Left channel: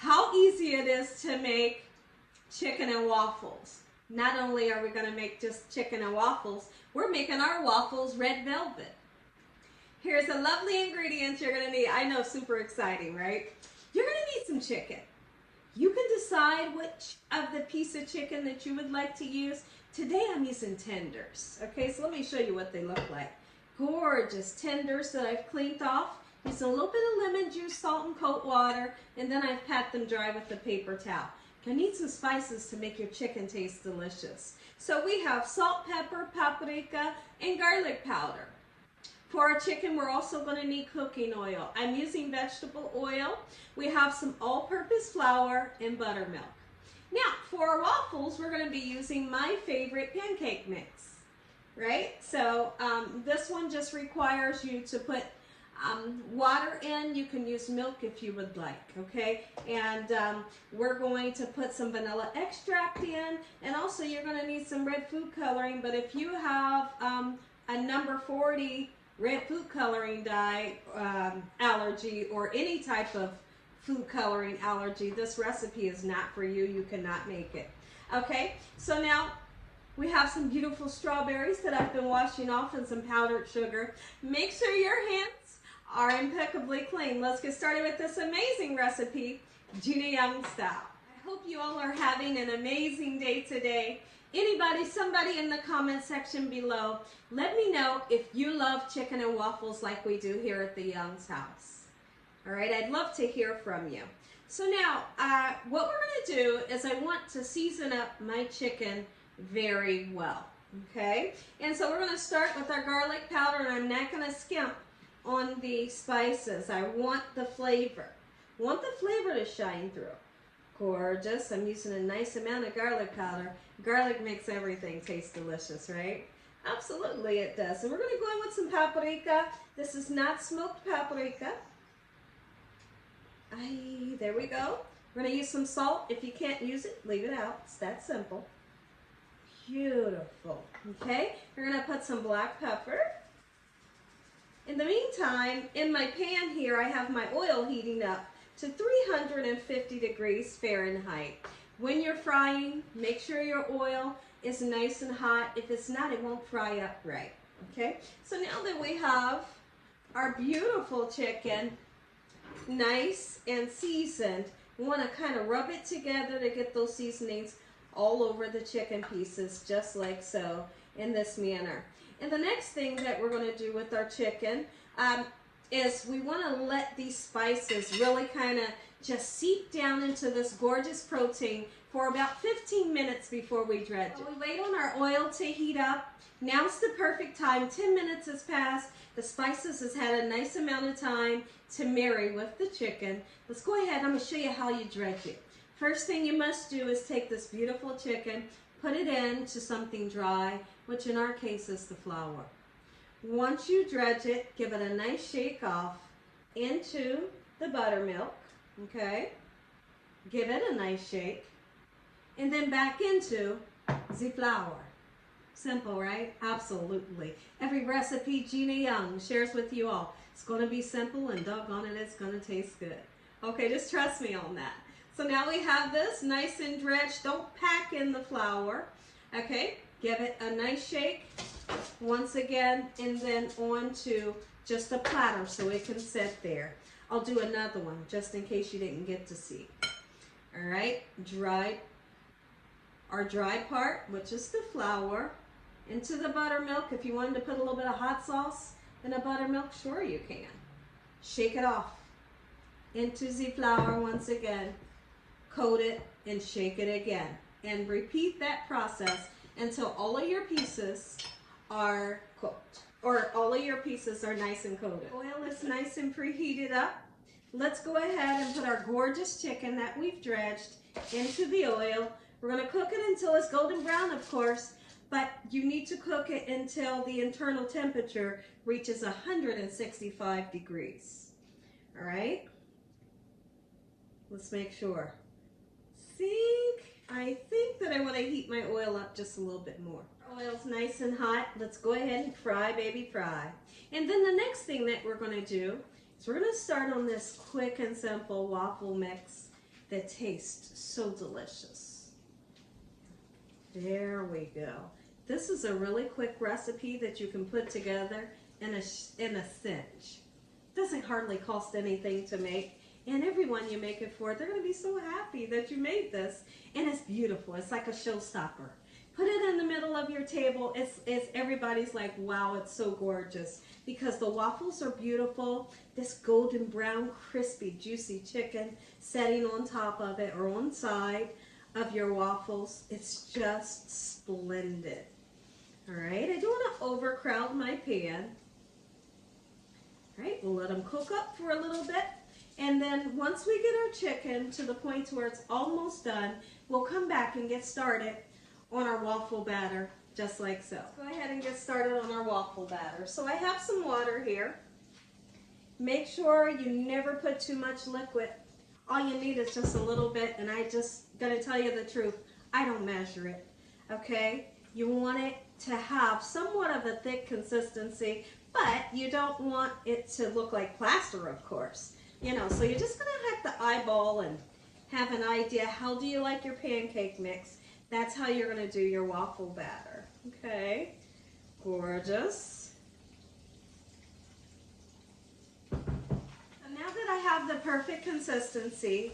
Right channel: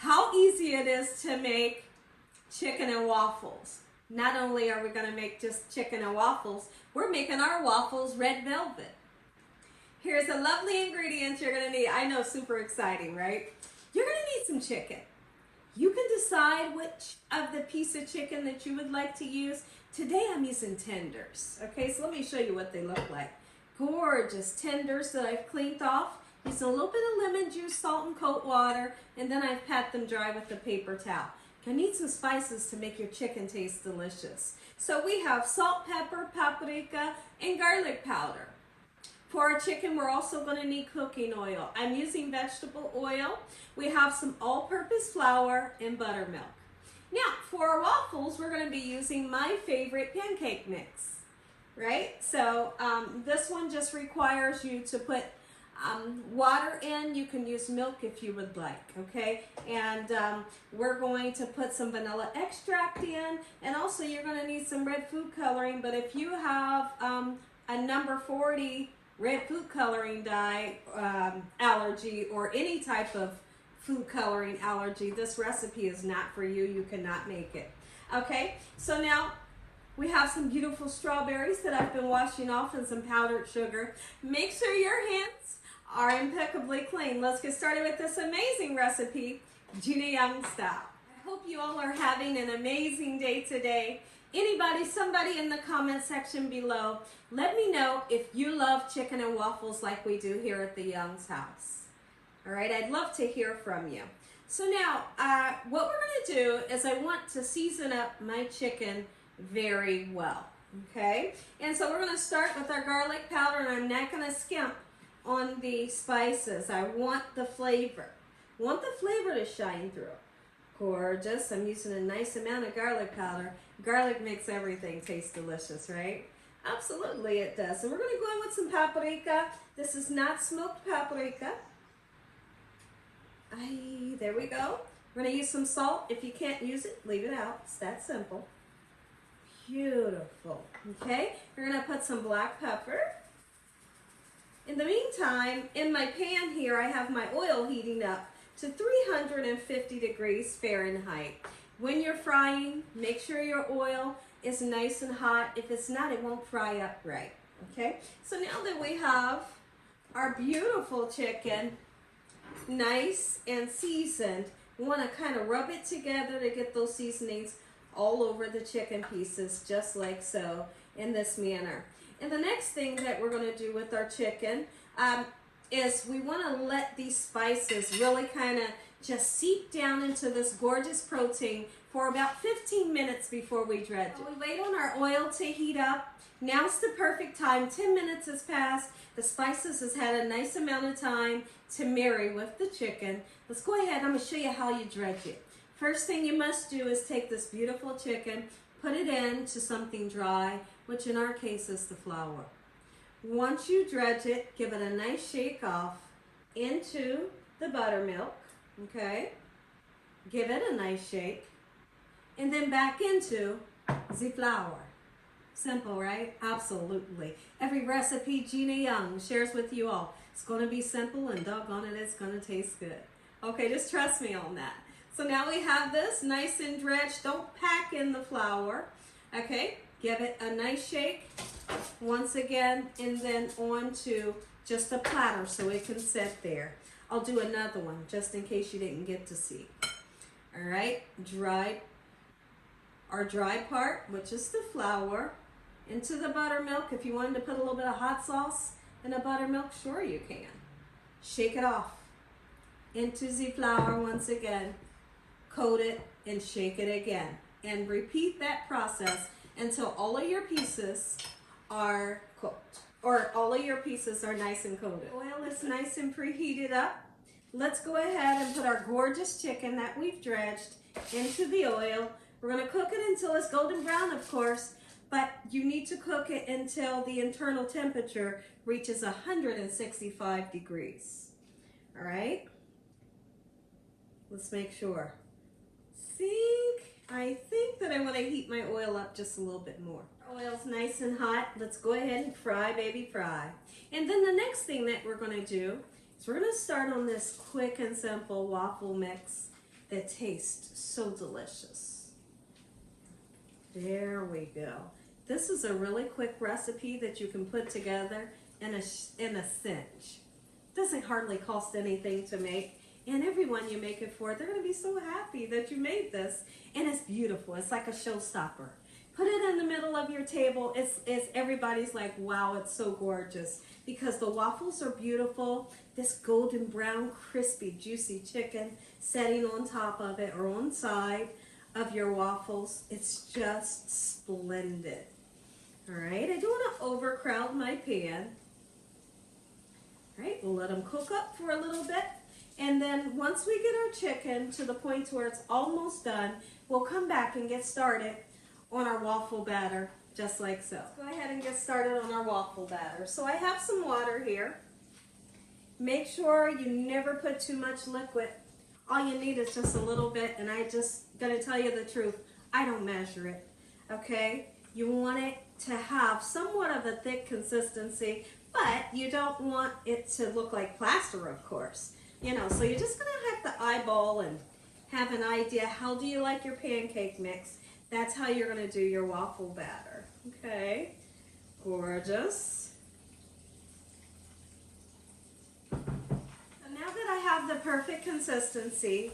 how easy it is to make chicken and waffles. Not only are we going to make just chicken and waffles, we're making our waffles red velvet. Here's the lovely ingredients you're going to need. I know, super exciting, right? You're going to need some chicken. You can decide which of the piece of chicken that you would like to use. Today I'm using tenders. Okay, so let me show you what they look like. Gorgeous tenders that I've cleaned off. Using a little bit of lemon juice, salt, and cold water, and then I've pat them dry with a paper towel. You'll need some spices to make your chicken taste delicious. So we have salt, pepper, paprika, and garlic powder. For our chicken, we're also going to need cooking oil. I'm using vegetable oil. We have some all-purpose flour and buttermilk. Now, for our waffles, we're going to be using my favorite pancake mix, right? So this one just requires you to put water in. You can use milk if you would like, okay? And we're going to put some vanilla extract in, and also you're going to need some red food coloring, but if you have a number 40 red food coloring dye allergy or any type of food coloring allergy, this recipe is not for you. You cannot make it. Okay, so now we have some beautiful strawberries that I've been washing off and some powdered sugar. Make sure your hands are impeccably clean. Let's get started with this amazing recipe, Gina Young style. I hope you all are having an amazing day today. Anybody, somebody in the comment section below, let me know if you love chicken and waffles like we do here at the Young's house. All right, I'd love to hear from you. So now, what we're going to do is I want to season up my chicken very well, okay? And so we're going to start with our garlic powder, and I'm not going to skimp on the spices. I want the flavor. To shine through. Gorgeous. I'm using a nice amount of garlic powder. Garlic makes everything taste delicious, right? Absolutely it does. And we're going to go in with some paprika. This is not smoked paprika. There we go. We're going to use some salt. If you can't use it, leave it out. It's that simple. Beautiful. Okay, we're going to put some black pepper. In the meantime, in my pan here, I have my oil heating up to 350 degrees Fahrenheit. When you're frying, make sure your oil is nice and hot. If it's not, it won't fry up right. Okay, so now that we have our beautiful chicken nice and seasoned, we want to kind of rub it together to get those seasonings all over the chicken pieces, just like so, in this manner. And the next thing that we're going to do with our chicken is we want to let these spices really kind of just seep down into this gorgeous protein for about 15 minutes before we dredge it. We wait on our oil to heat up. Now's the perfect time. 10 minutes has passed. The spices has had a nice amount of time to marry with the chicken. Let's go ahead. I'm going to show you how you dredge it. First thing you must do is take this beautiful chicken, put it into something dry, which in our case is the flour. Once you dredge it, give it a nice shake off into the buttermilk, okay? Give it a nice shake, and then back into the flour. Simple, right? Absolutely. Every recipe Gina Young shares with you all, it's going to be simple, and doggone it, it's going to taste good. Okay, just trust me on that. So now we have this nice and dredged. Don't pack in the flour, okay? Give it a nice shake once again, and then onto just a platter so it can sit there. I'll do another one just in case you didn't get to see. All right, our dry part, which is the flour, into the buttermilk. If you wanted to put a little bit of hot sauce in the buttermilk, sure you can. Shake it off into the flour once again. Coat it and shake it again. And repeat that process until all of your pieces are cooked, or all of your pieces are nice and coated. Oil is nice and preheated up. Let's go ahead and put our gorgeous chicken that we've dredged into the oil. We're going to cook it until it's golden brown, of course, but you need to cook it until the internal temperature reaches 165 degrees. All right? Let's make sure. I think that I want to heat my oil up just a little bit more. Oil's nice and hot. Let's go ahead and fry, baby, fry. And then the next thing that we're going to do is we're going to start on this quick and simple waffle mix. that tastes so delicious. There we go. This is a really quick recipe that you can put together in a cinch. Doesn't hardly cost anything to make, and everyone you make it for, they're going to be so happy that you made this. And it's beautiful. It's like a showstopper. Put it in the middle of your table. It's everybody's like, wow, it's so gorgeous, because the waffles are beautiful. This golden brown, crispy, juicy chicken setting on top of it or on side of your waffles. It's just splendid. All right, I don't want to overcrowd my pan. All right, we'll let them cook up for a little bit. And then once we get our chicken to the point where it's almost done, we'll come back and get started on our waffle batter, just like so. Go ahead and get started on our waffle batter. So I have some water here. Make sure you never put too much liquid. All you need is just a little bit, and I just gonna tell you the truth, I don't measure it, okay? You want it to have somewhat of a thick consistency, but you don't want it to look like plaster, of course. You know, so you're just gonna have to eyeball and have an idea, how do you like your pancake mix? That's how you're gonna do your waffle batter, okay? Gorgeous. And now that I have the perfect consistency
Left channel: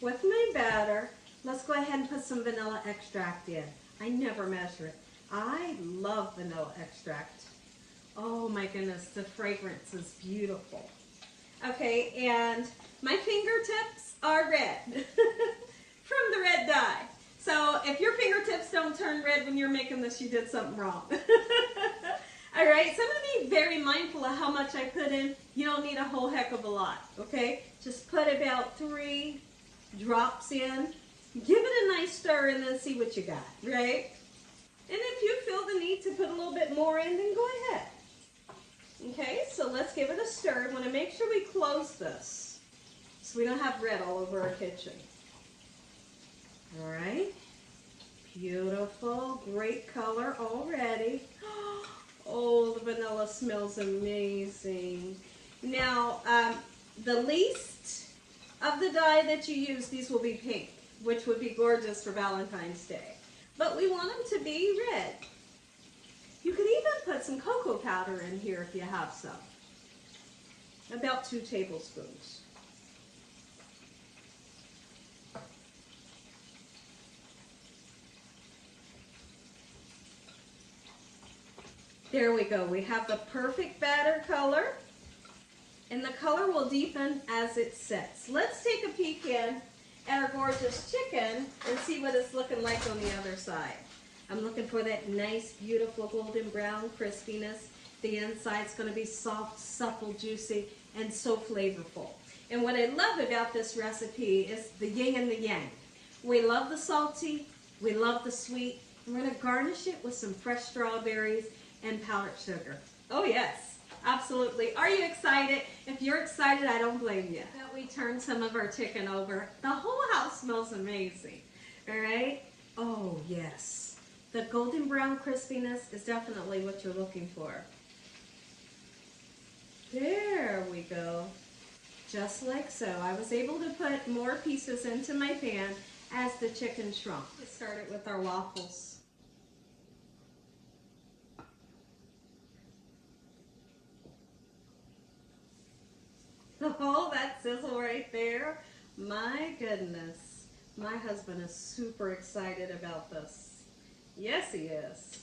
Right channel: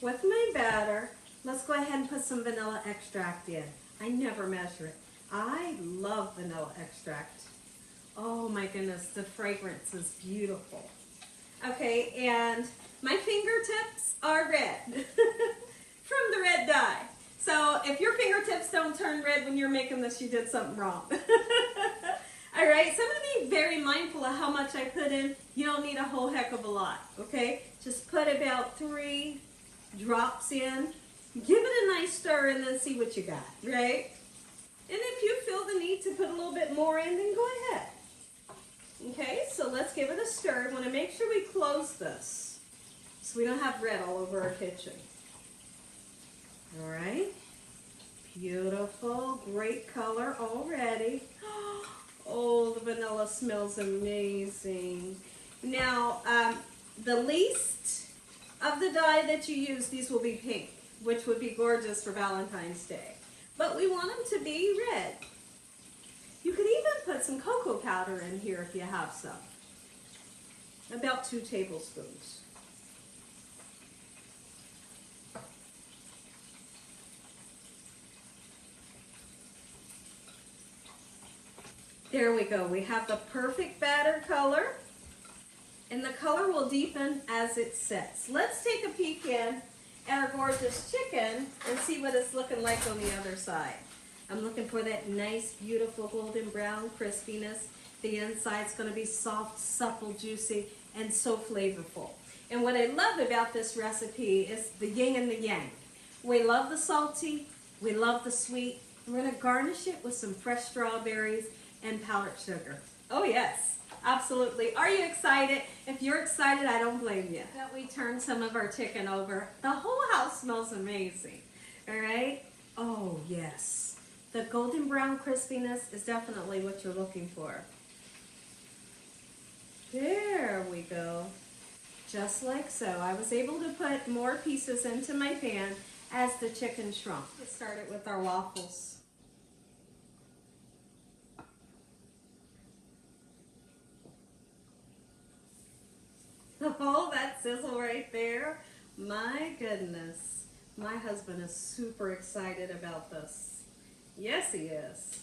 with my batter, let's go ahead and put some vanilla extract in. I never measure it. I love vanilla extract. Oh my goodness, the fragrance is beautiful. Okay, and my fingertips are red from the red dye. So if your fingertips don't turn red when you're making this, you did something wrong. All right, so I'm gonna be very mindful of how much I put in. You don't need a whole heck of a lot, okay? Just put about 3 drops in. Give it a nice stir and then see what you got, right? And if you feel the need to put a little bit more in, then go ahead. Okay, so let's give it a stir. I want to make sure we close this so we don't have red all over our kitchen. All right, beautiful, great color already. Oh, the vanilla smells amazing. Now, the least of the dye that you use, these will be pink, which would be gorgeous for Valentine's Day. But we want them to be red. You could even put some cocoa powder in here if you have some. About 2 tablespoons. There we go. We have the perfect batter color. And the color will deepen as it sets. Let's take a peek in at our gorgeous chicken and see what it's looking like on the other side. I'm looking for that nice, beautiful golden brown crispiness. The inside's going to be soft, supple, juicy, and so flavorful. And what I love about this recipe is the yin and the yang. We love the salty, we love the sweet. We're going to garnish it with some fresh strawberries and powdered sugar. Oh yes, absolutely. Are you excited? If you're excited, I don't blame you. That we turn some of our chicken over. The whole house smells amazing. All right? Oh yes. The golden brown crispiness is definitely what you're looking for. There we go. Just like so. I was able to put more pieces into my pan as the chicken shrunk. Let's start it with our waffles. Oh, that sizzle right there. My goodness. My husband is super excited about this. Yes, he is.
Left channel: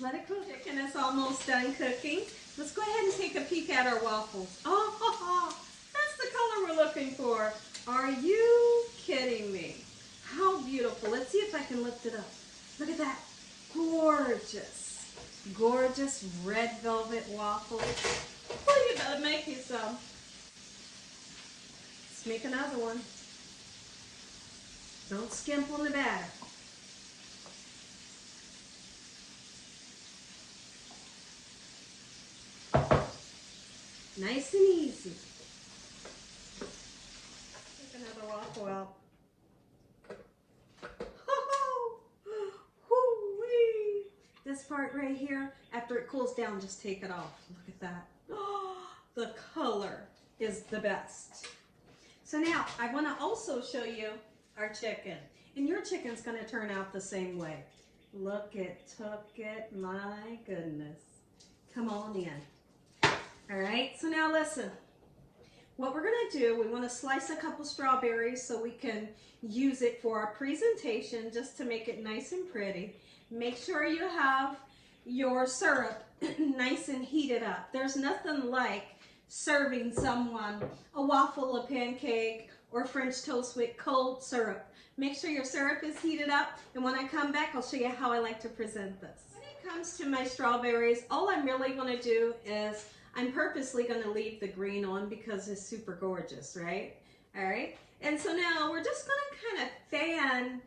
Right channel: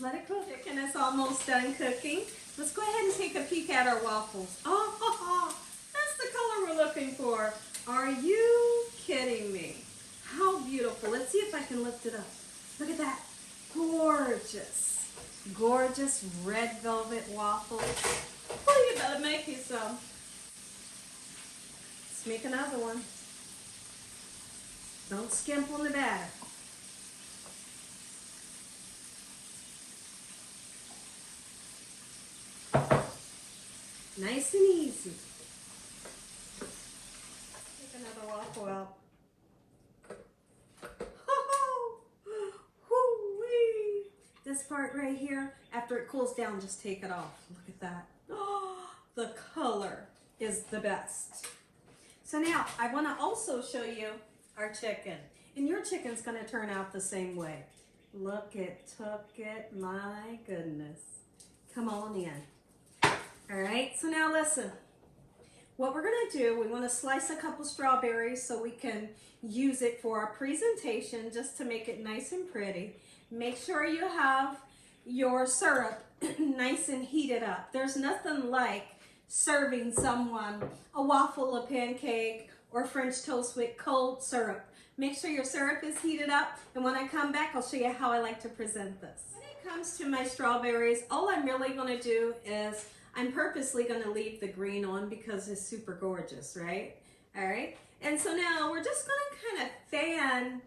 Let it cook. Chicken is almost done cooking. Let's go ahead and take a peek at our waffles. Oh, that's the color we're looking for. Are you kidding me? How beautiful. Let's see if I can lift it up. Look at that. Gorgeous. Gorgeous red velvet waffles. Oh, you better make you some. Let's make another one. Don't skimp on the batter. Nice and easy. Take another waffle out. Oh, this part right here, at after it cools down, just take it off. Look at that. Oh, the color is the best. So now I want to also show you our chicken. And your chicken's going to turn out the same way. Look, it took it. My goodness. Come on in. All right, so now listen. What we're going to do, we want to slice a couple strawberries so we can use it for our presentation, just to make it nice and pretty. Make sure you have your syrup nice and heated up. There's nothing like serving someone a waffle, a pancake, or French toast with cold syrup. Make sure your syrup is heated up, and when I come back, I'll show you how I like to present this. When it comes to my strawberries, all I'm really going to do is I'm purposely going to leave the green on because it's super gorgeous, right? All right. And so now we're just going to kind of fan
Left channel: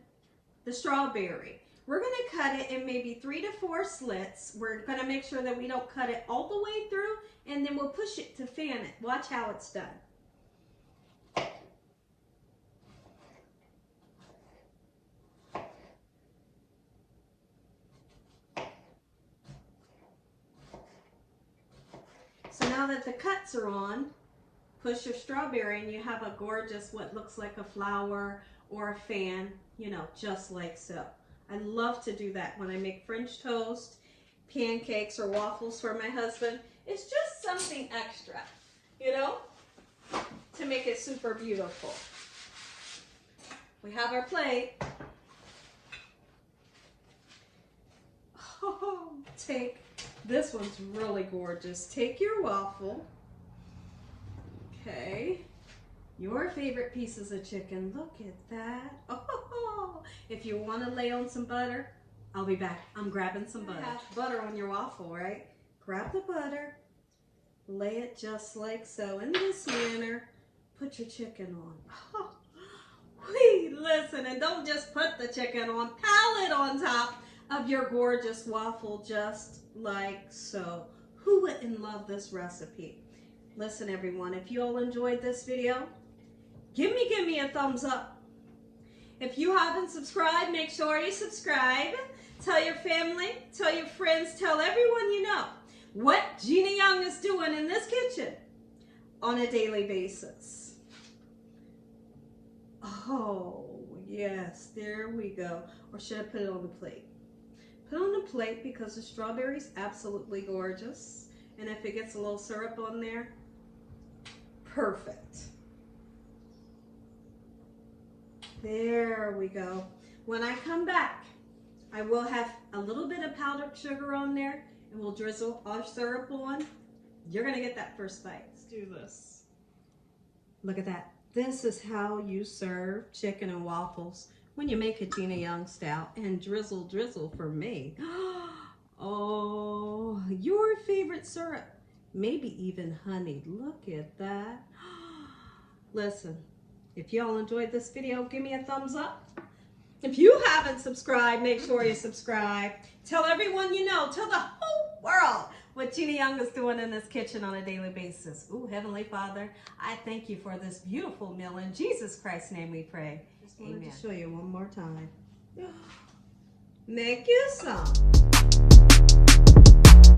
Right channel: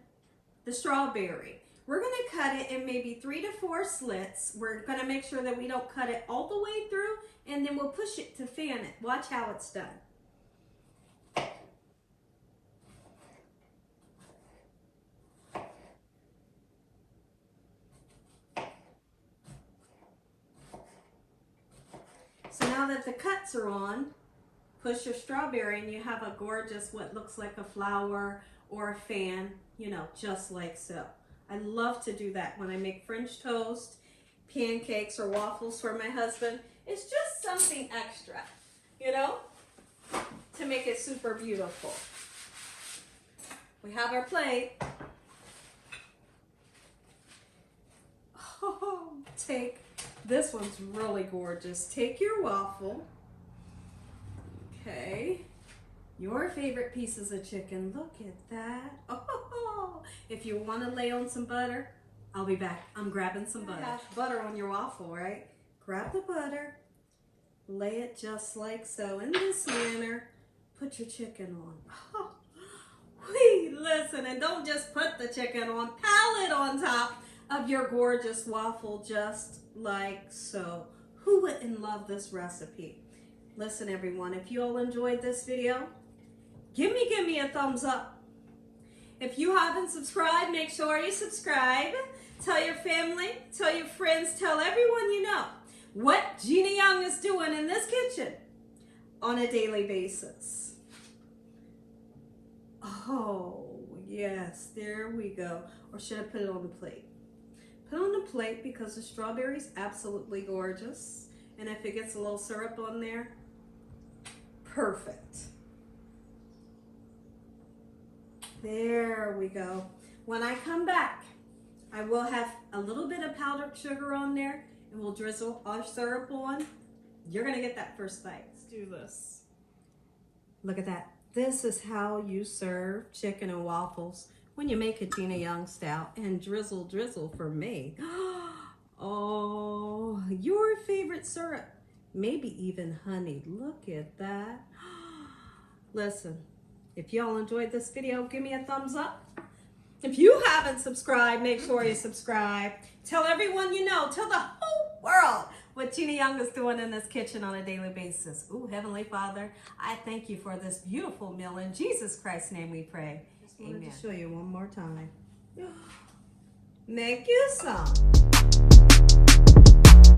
the strawberry. We're going to cut it in maybe 3 to 4 slits. We're going to make sure that we don't cut it all the way through, and then we'll push it to fan it. Watch how it's done. So now that the cuts are on, push your strawberry and you have a gorgeous, what looks like a flower or a fan, you know, just like so. I love to do that when I make French toast, pancakes, or waffles for my husband. It's just something extra, you know, to make it super beautiful. We have our plate. Oh, this one's really gorgeous. Take your waffle. Okay. Your favorite pieces of chicken. Look at that. Oh, if you want to lay on some butter, I'll be back. I'm grabbing some butter. Butter on your waffle, right? Grab the butter. Lay it just like so in this manner. Put your chicken on. Oh, wait, listen, and don't just put the chicken on. Pile it on top of your gorgeous waffle just like so. Who wouldn't love this recipe? Listen, everyone, if you all enjoyed this video, give me a thumbs up. If you haven't subscribed, make sure you subscribe. Tell your family, tell your friends, tell everyone you know what Gina Young is doing in this kitchen on a daily basis. Oh, yes, there we go. Or should I put it on the plate? Put it on the plate because the strawberry is absolutely gorgeous. And if it gets a little syrup on there, perfect. There we go. When I come back, I will have a little bit of powdered sugar on there, and we'll drizzle our syrup on. You're gonna get that first bite. Let's do this. Look at that. This is how you serve chicken and waffles when you make a Gina Young style. And drizzle, drizzle for me. Oh, your favorite syrup. Maybe even honey. Look at that. Listen, if y'all enjoyed this video, give me a thumbs up. If you haven't subscribed, make sure you subscribe. Tell everyone you know, tell the whole world what Gina Young is doing in this kitchen on a daily basis. Ooh, Heavenly Father, I thank you for this beautiful meal. In Jesus Christ's name we pray. Amen. I'll show you one more time. Make you some.